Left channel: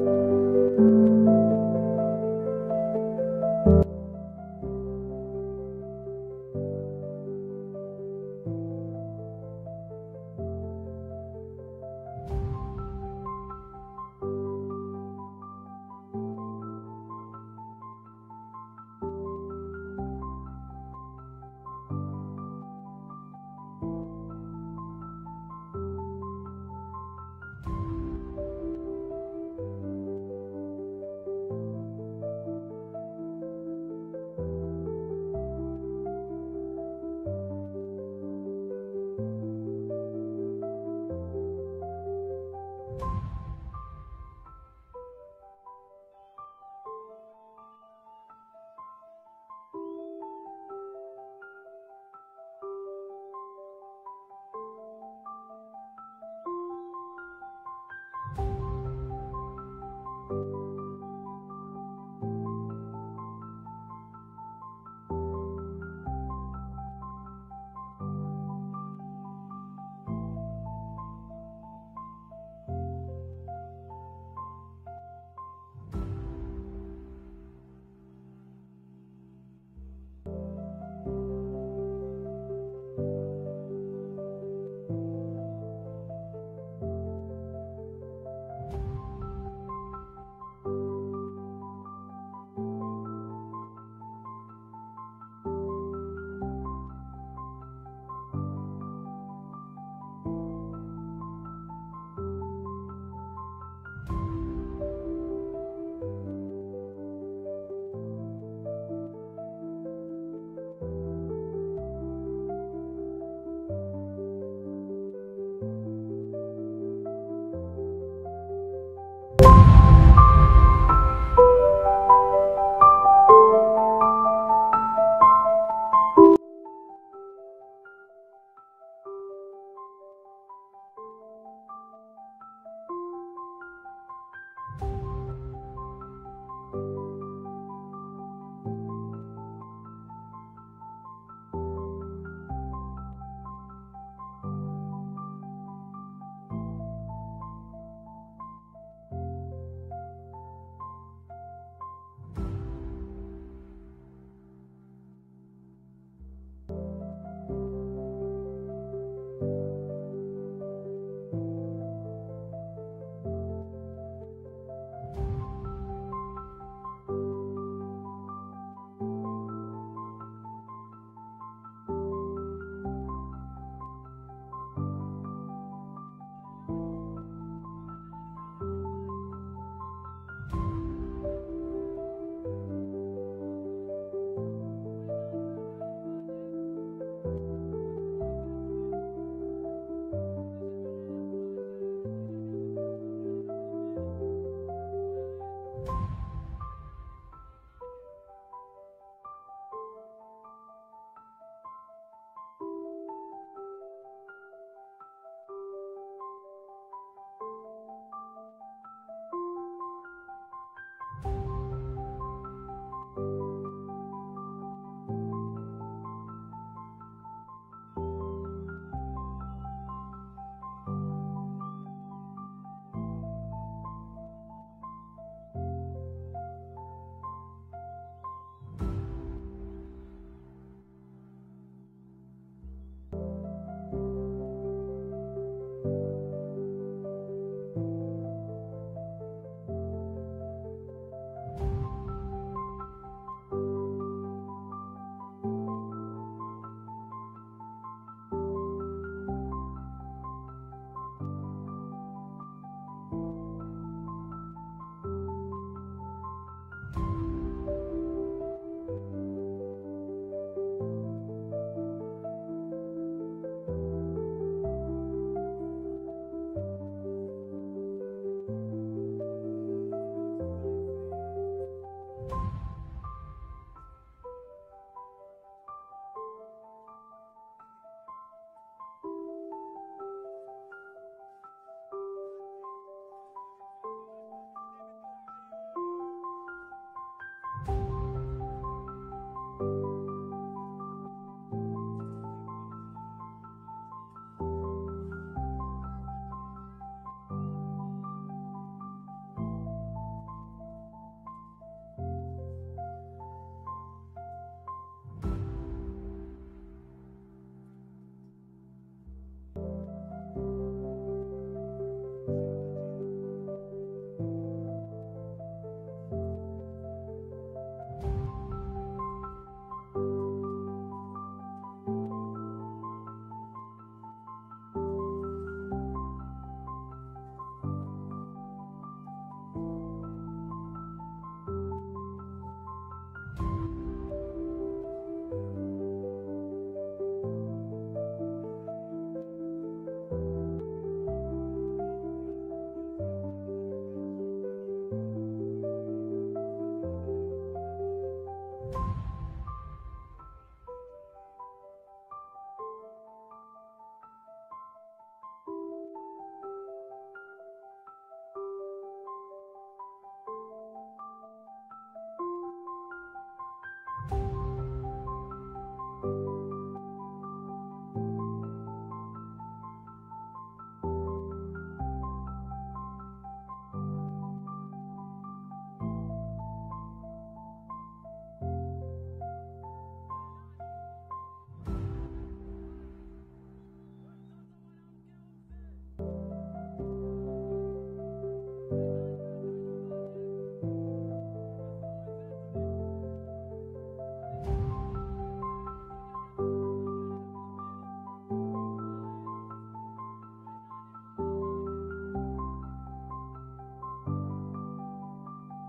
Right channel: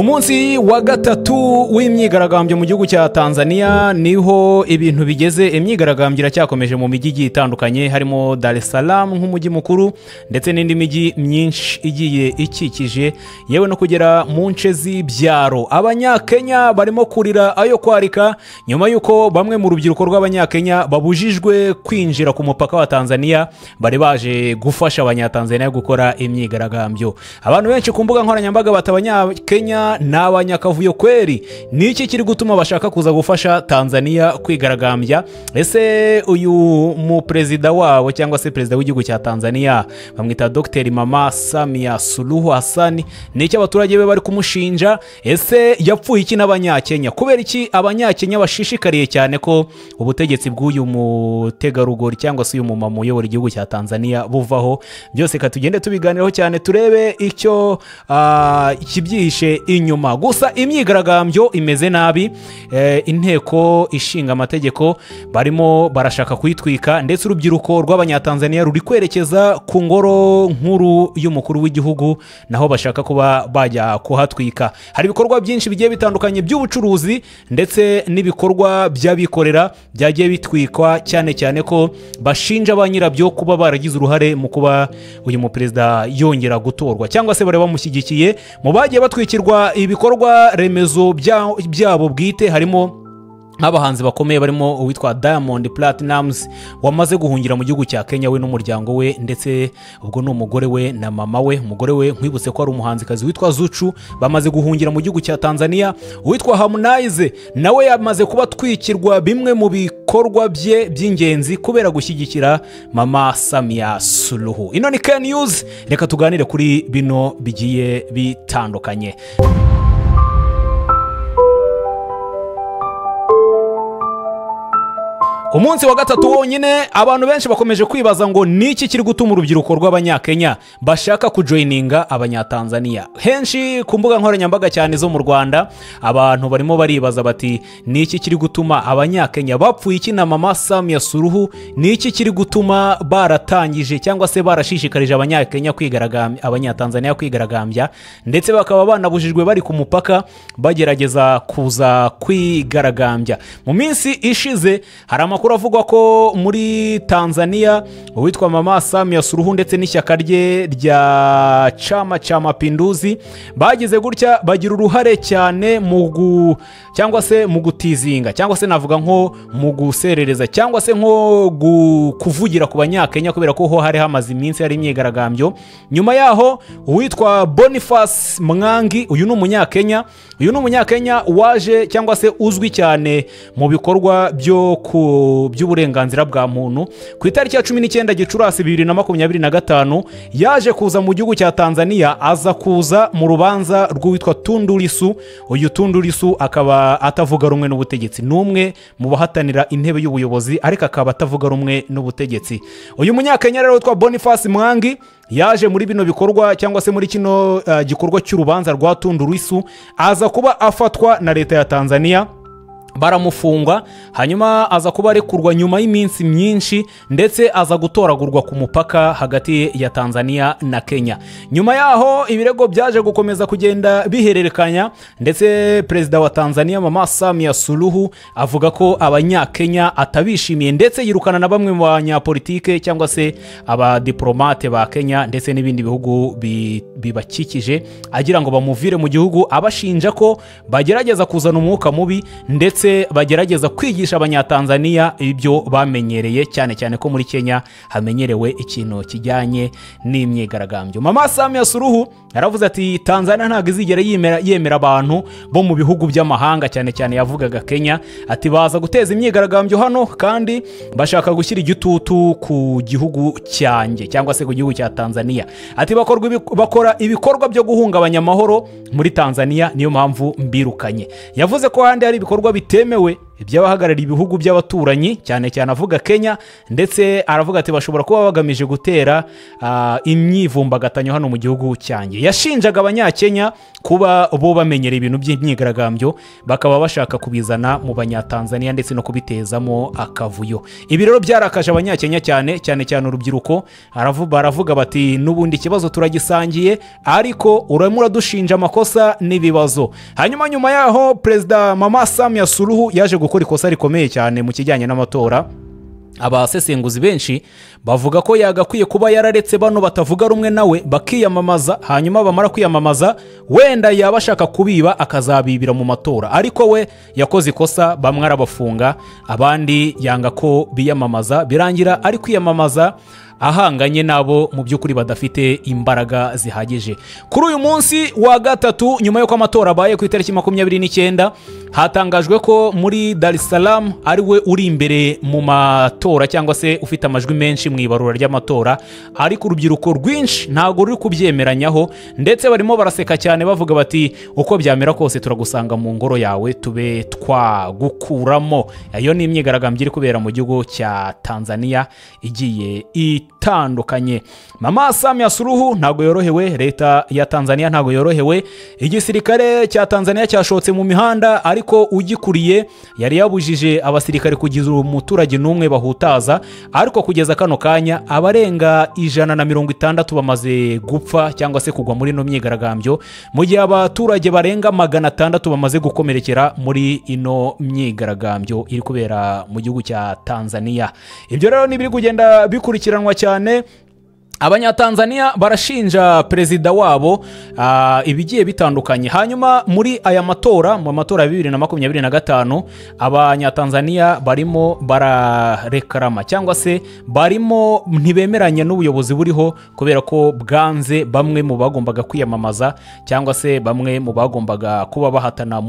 Umunsi wa gatatu w'imyigaragambyo mu gihugu cya Tanzania niho ibintu bigeze. Imyigaragambyo iracyakomeje mu mijyi itandukanye harimo Dar es Salaam nk'umujyi mukuru ndetse n'indi mijyi myinshi igiye ikikije, yewe no kugera mu nce z'ibyaro. Abanyakenya barimo kurira ayo kwarika nyuma yuko bamwe mu rubyiruko rw'abanyakenya babujijwe kwinjira ku mupaka wa Tanzania bari baje gufasha abanyatanzania gukora imyigaragambyo. Abantu benshi ku mbuga nkoranyambaga batabanyakenya n'abanyakavuyo kweri niki kiri gutuma bashaka kuza gufasha Tanzania kwigaragambya? Ese uyu mu president wabo cyangwa se president w'igihugu cya Tanzania bamwita Dr. Mama Samia Suluhu Hassan, niki abaturage be bari kumushinja? Ese yapfuye iki n'abanyakenya? Kubera iki abanyakenya bashishikariye cyane ko ubutegetsi bw'uyu mutegarugori cyangwa se uyu mumama uyobora igihugu cya Tanzania buvaho? Byose katugende tubiganiraho cyane turebe icyo kibyihishe inyuma. Gusa imyigaragambyo imeze nabi, inteko ishinga amategeko barimo barashaka kuyitwika ndetse urubyiruko rw'abanyatanzania ruri kwerekeza ku ngoro nkuru y'umukuru w'igihugu naho bashaka kuba bajya kuhatwika. Hari ibikorwa byinshi bigiye bitandukanye by'ubucuruzi ndetse n'ibikorwa by'abikorera byagiye bitwikwa, cyane cyane ko bashinja ba nyirabyo kuba baragize uruhare mu kuba uyu mu perezida yongera gutorwa cyangwa se bare bamushyigikiye. Mu bagiye batwikirwa ibikorwa remezo byabo bwite harimo abahanzi bakomeye barimo uwitwa Diamond Platnumz wamaze guhungira mu gihugu cya Kenya we n'umuryango we, ndetse ubwo n'umugore we na mama we. Umugore we nkwibutse ko ari umuhanzikazi witwa Zuchu, bamaze guhungira mu gihugu cya Tanzania. Uwitwa Harmonize nawe yamaze kuba twikirwa bimwe mu bikorwa bye by'ingenzi kubera gushyigikira Mama Samia Suluhu. Ino ni Ken News, reka tuganire kuri bino bigiye bitandukanye. Umunsi wa gatatu wonyine abantu benshi bakomeje kwibaza ngo niki kiri gutuma urubyiruko rw'abanyakenya bashaka kujoininga abanyatanzania. Henshi ku mbuga nkoranyambaga cyane zo mu Rwanda abantu barimo baribaza bati niki kiri gutuma abanyakenya bapfuye iki na Mama Samia Suluhu? Niki kiri gutuma baratangije cyangwa se barashishikarije abanyakenya kwigaragambya, abanyatanzania kwigaragambya ndetse bakaba banabujijwe bari ku mupaka bagerageza kuza kwigaragambya? Mu minsi ishize hari amakuru avuga ko muri Tanzania uwitwa Mama Samia Suluhu ndetse n'ishyaka rye rya Chama cha Mapinduzi bagize gutya bagira uruhare cyane mu cyangwa se mu gutizinga cyangwa se navuga nko mu guserereza cyangwa se nko kuvugira ku banyakenya kubera ko ho hari hamaze iminsi hari imyigaragambyo. Nyuma yaho uwitwa Boniface Mwangi, uyu ni umunyakenya waje cyangwa se uzwi cyane mu bikorwa by'uburenganzira bwa muntu. Ku itariki ya 19 Gicurasi 2025 yaje kuza mu gihugu cya Tanzania, aza kuza mu rubanza rw'uwitwa Tundu Lissu. Uyu Tundu Lissu akaba atavuga rumwe n'ubutegetsi, n'umwe mu bahatanira intebe y'ubuyobozi ariko akaba atavuga rumwe n'ubutegetsi. Uyu munyakenya rero witwa Boniface Mwangi yaje muri bino bikorwa cyangwa se muri kino gikorwa cy'urubanza rwa Tundu Lissu, aza kuba afatwa na leta ya Tanzania baramufungwa, hanyuma aza kuba arekurwa nyuma y'iminsi myinshi ndetse aza gutoragurwa ku mupaka hagati ya Tanzania na Kenya. Nyuma yaho ibirego byaje gukomeza kugenda bihererekanya ndetse perezida wa Tanzania Mama Samia Suluhu avuga ko abanyakenya atabishimiye ndetse yirukana na bamwe mu banyapolitike cyangwa se abadiplomate ba Kenya ndetse n'ibindi bihugu bibakikije agira ngo bamuvire mu gihugu, abashinja ko bagerageza kuzana umwuka mubi ndetse bagerageza kwigisha abanyatanzania ibyo bamenyereye, cyane cyane ko muri Kenya hamenyerewe ikintu kijyanye n'imyigaragambyo. Mama Samia Suluhu yaravuze ati Tanzania ntabwo izigera yemera abantu bo mu bihugu by'amahanga, cyane cyane yavugaga Kenya, ati baza guteza imyigaragambyo hano kandi bashaka gushyira igitutu ku gihugu cyanjye cyangwa se ku gihugu cya Tanzania. Ati bakora ibikorwa byo guhungabanya amahoro muri Tanzania, niyo mpamvu mbirukanye. Yavuze ko handi hari ibikorwa bitemewe iby'abahagarariye ibihugu by'abaturanyi cyane cyane avuga Kenya, ndetse aravuga ati bashobora kuba bagamije gutera imyivumbagatanyo hano mu gihugu cyanjye. Yashinjaga abanyakenya kuba bo bamenyera ibintu by'imyigaragambyo bakaba bashaka kubizana mu banyatanzania ndetse no kubitezamo akavuyo. Ibi rero byarakaje abanyakenya cyane cyane urubyiruko. Baravuga bati n'ubundi ikibazo turagisangiye ariko urimo uradushinja amakosa n'ibibazo. Hanyuma nyuma yaho Perezida Mama Samia Suluhu yaje gukora ikosa rikomeye cyane mu kijyanye n'amatora. Abasesenguzi benshi bavuga ko yagakwiye kuba yararetse bano batavuga rumwe nawe bakiyamamaza, hanyuma bamara kwiyamamaza wenda yabashaka kubiba akazabibira mu matora, ariko we yakoze ikosa, bamwe arabafunga abandi yanga ko biyamamaza, birangira ari kwiyamamaza ahanganye nabo mu by'ukuri badafite imbaraga zihagije. Kuri uyu munsi wa gatatu nyuma y'uko amatora abaye ku itariki 29 hatangajwe ko muri Dar es Salaam ari we uri imbere mu matora cyangwa se ufite amajwi menshi mu ibarura ry'amatora, ariko urubyiruko rwinshi ntago ruri kubyemeranyaho, ndetse barimo baraseka cyane bavuga bati uko byamera kose turagusanga mu ngoro yawe tube twagukuramo. Iyo ni imyigaragambyo iri kubera mu gihugu cya Tanzania igiye itandukanye. Mama Samia Suluhu ntago yorohewe, leta ya Tanzania ntago yorohewe, igisirikare cya Tanzania cyashotse mu mihanda, ariko ugikuriye yari yabujije abasirikare kugiza umuturage n'umwe bahutaza, ariko kugeza kano kanya abarenga 160 bamaze gupfa cyangwa se kugwa muri no myigaragambyo, mu gihe abaturage barenga 600 bamaze gukomerekera muri ino myigaragambyo iri kubera mu gihugu cya Tanzania. Ibyo rero nibiri kugenda bikurikiranwa cyane. Abanyatanzania barashinja perezida wabo ibigiye bitandukanye. Hanyuma muri aya matora, mu matora ya 2025, abanyatanzania barimo bararekarama cyangwa se barimo ntibemeranya n'ubuyobozi buriho kubera ko bwanze bamwe mu bagombaga kwiyamamaza cyangwa se bamwe mu bagombaga kuba bahatana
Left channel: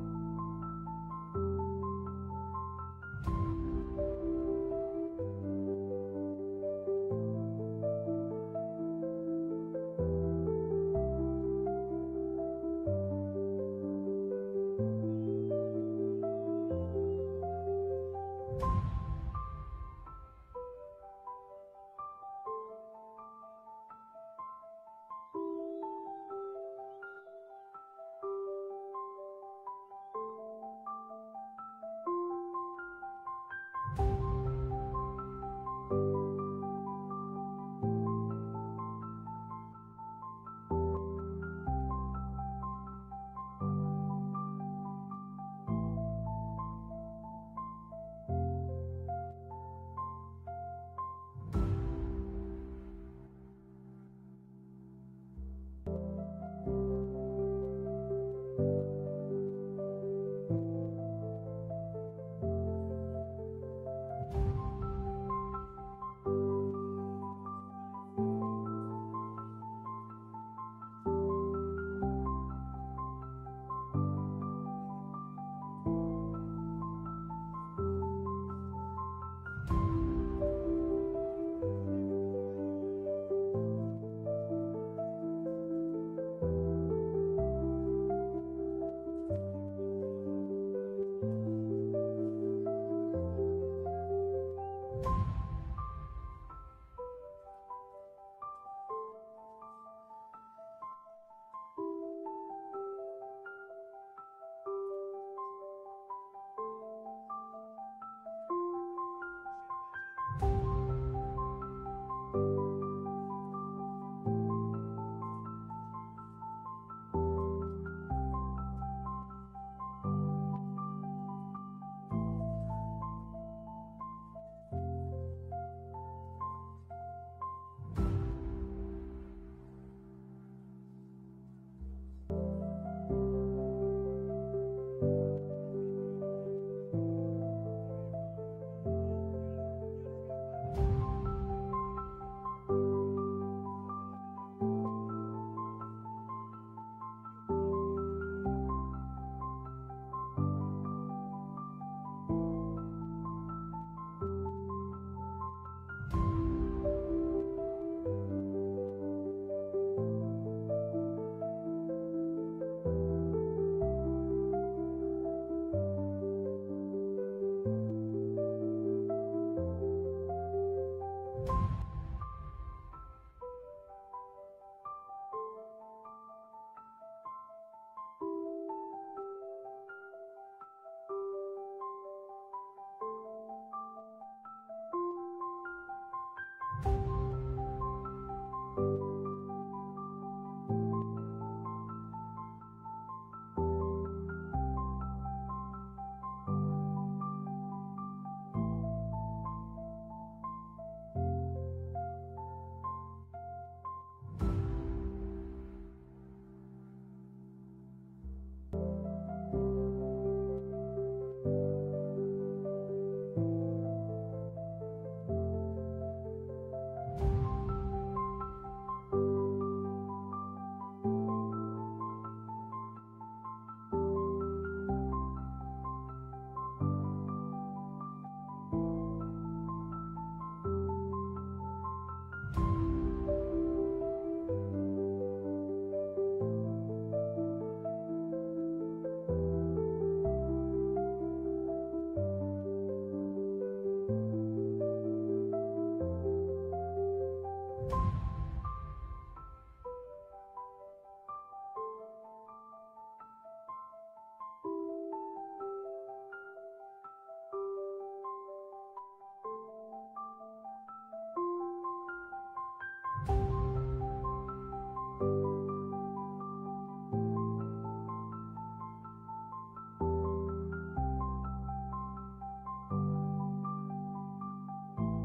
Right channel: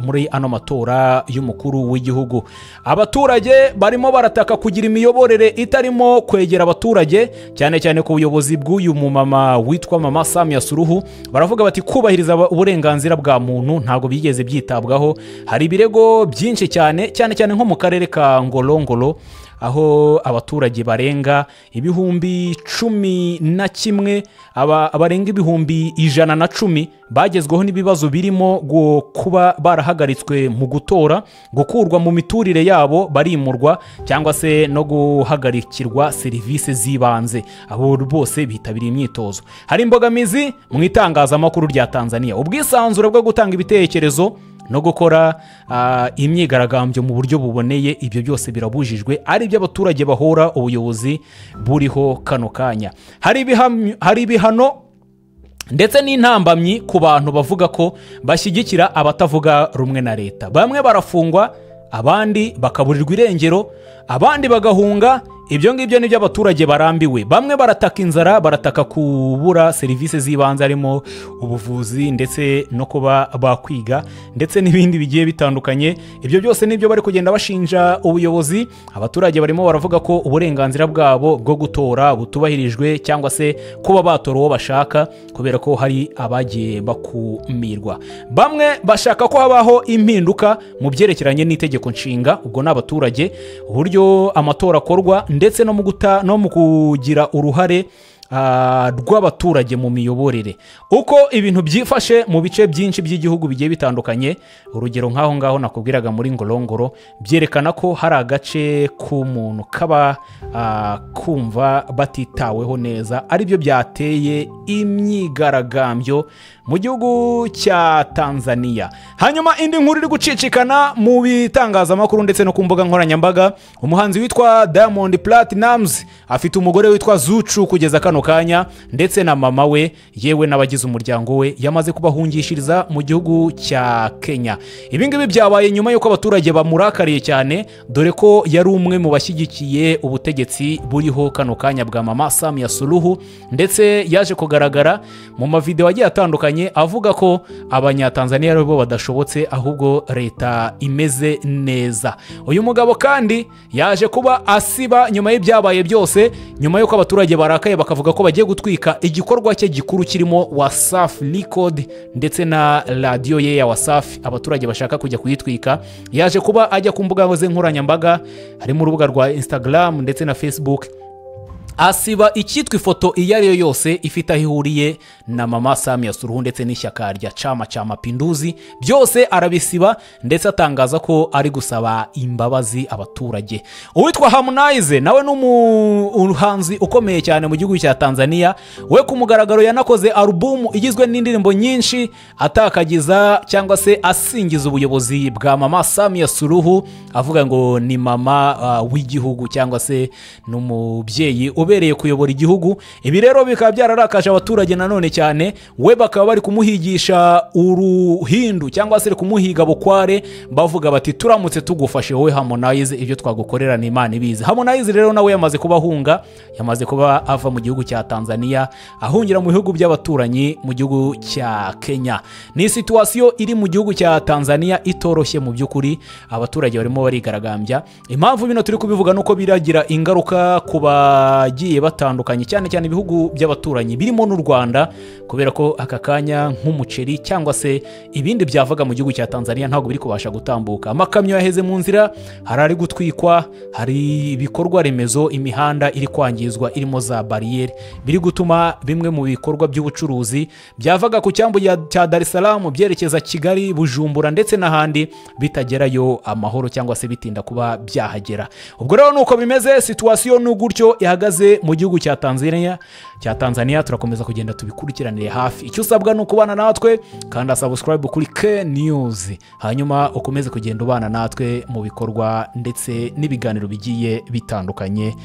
muri ano matora y'umukuru w'igihugu. Abaturage barimo barataka kugira imiyoborere itarimo kwegera abaturage, cyane ku buyobozi bw'uyu mumama witwa Mama Samia Suluhu. Baravuga bati kubahiriza uburenganzira bwa muntu ntago bigeze byitabwaho. Hari ibirego byinshi cyane nko mu karere ka Ngorongoro, aho abaturage barenga 11,000 abarenga 110,000 bagezweho n'ibibazo birimo kuba barahagaritswe mu gutora, gukurwa mu miturire yabo, barimurwa cyangwa se no guhagarikirwa serivisi z'ibanze. Abo bose bitabiriye imyitozo. Hari imbogamizi mu itangazamakuru rya Tanzania, ubwisanzure bwo gutanga ibitekerezo no gukora imyigaragambyo mu buryo buboneye, ibyo byose birabujijwe, ari byo abaturage bahora ubuyobozi buriho kano kanya. Hari ibihano ndetse n'intambamyi ku bantu bavuga ko bashyigikira abatavuga rumwe na leta. Bamwe barafungwa, abandi bakaburirwa irengero, abandi bagahunga. Ibyo ngibyo nibyo abaturage barambiwe. Bamwe barataka inzara, barataka kubura serivisi z'ibanze harimo ubuvuzi ndetse no kuba bakwiga ndetse n'ibindi bigiye bitandukanye. Ibyo byose nibyo bari kugenda bashinja ubuyobozi. Abaturage barimo baravuga ko uburenganzira bwabo bwo gutora butubahirijwe cyangwa se kuba batora uwo bashaka kubera ko hari abagiye bakumirwa. Bamwe bashaka ko habaho impinduka mu byerekeranye n'itegeko nshinga, ubwo n'abaturage, uburyo amatora akorwa ndetse no mu kugira uruhare rw'abaturage mu miyoborere. Uko ibintu byifashe mu bice byinshi by'igihugu bigiye bitandukanye, urugero nk'aho ngaho nakubwiraga muri Ngorongoro, byerekana ko hari agace k'umuntu kaba kumva batitaweho neza, aribyo byateye imyigaragambyo mu gihugu cya Tanzania. Hanyuma indi nkuru iri gucicikana mu bitangazamakuru ndetse no ku mbuga nkoranyambaga, umuhanzi witwa Diamond Platnumz afite umugore witwa Zuchu kugeza kano kanya, ndetse na mama we yewe n'abagize umuryango we yamaze kubahungishiriza mu gihugu cya Kenya. Ibi ngibi byabaye nyuma y'uko abaturage bamurakariye cyane, dore ko yari umwe mu bashyigikiye ubutegetsi buriho kano kanya bwa Mama Samia Suluhu, ndetse yaje kugaragara mu mavideo agiye atandukanye atandukanye avuga ko abanyatanzania aribo badashobotse ahubwo leta imeze neza. Uyu mugabo kandi yaje kuba asiba nyuma y'ibyabaye byose, nyuma y'uko abaturage barakaye bakavuga ko bagiye gutwika igikorwa cye gikuru kirimo Wasafi Record ndetse na radio ye ya Wasafi, abaturage bashaka kujya kuyitwika. Yaje kuba ajya ku mbuga nkoranyambaga, hari mu rubuga rwa Instagram ndetse na Facebook, asiba icyitwa ifoto iyo ari yo yose ifite aho ihuriye na Mama Samia Suluhu ndetse n'ishyaka rya Chama cha Mapinduzi, byose arabisiba ndetse atangaza ko ari gusaba imbabazi abaturage. Uwitwa Harmonize nawe n'umuhanzi ukomeye cyane mu gihugu cya Tanzania, we ku mugaragaro yanakoze album igizwe n'indirimbo nyinshi atakagiza cyangwa se asingiza ubuyobozi bwa Mama Samia Suluhu, avuga ngo ni mama w'igihugu cyangwa se n'umubyeyi ubereye kuyobora igihugu. Ibi rero bikaba byararakaje abaturage nanone cyane, we bakaba bari kumuhigisha uruhindu cyangwa se kumuhiga bukware, bavuga bati turamutse tugufashe wowe Harmonize ibyo twagukorera ni Imana ibizi. Harmonize rero nawe yamaze kubahunga, yamaze kuba ava mu gihugu cya Tanzania ahungira mu bihugu by'abaturanyi mu gihugu cya Kenya. Ni situation iri mu gihugu cya Tanzania itoroshye mu by'ukuri, abaturage barimo barigaragambya. Impamvu bino turi kubivuga nuko biragira ingaruka kuba giye batandukanye, cyane cyane ibihugu by'abaturanyi birimo n'u Rwanda, kubera ko aka kanya nk'umuceri cyangwa se ibindi byavaga mu gihugu cya Tanzania ntabwo biri kubasha gutambuka. Amakamyo yaheze mu nzira, harari gutwikwa, hari ibikorwa remezo, imihanda iri kwangizwa irimo za barriere, biri gutuma bimwe mu bikorwa by'ubucuruzi byavaga ku cyambu cya Dar es Salaam byerekeza Kigali, Bujumbura ndetse n'ahandi bitagerayo amahoro cyangwa se bitinda kuba byahagera. Ubwo rero nuko bimeze, situation n'ugutyo ihagaze mu gihugu cya Tanzania. Turakomeza kugenda tubikurikiranire hafi. Icyo usabwa no kubana natwe kandi subscribe kuri K News, hanyuma ukomeze kugenda ubana natwe mu bikorwa ndetse n'ibiganiro bigiye bitandukanye.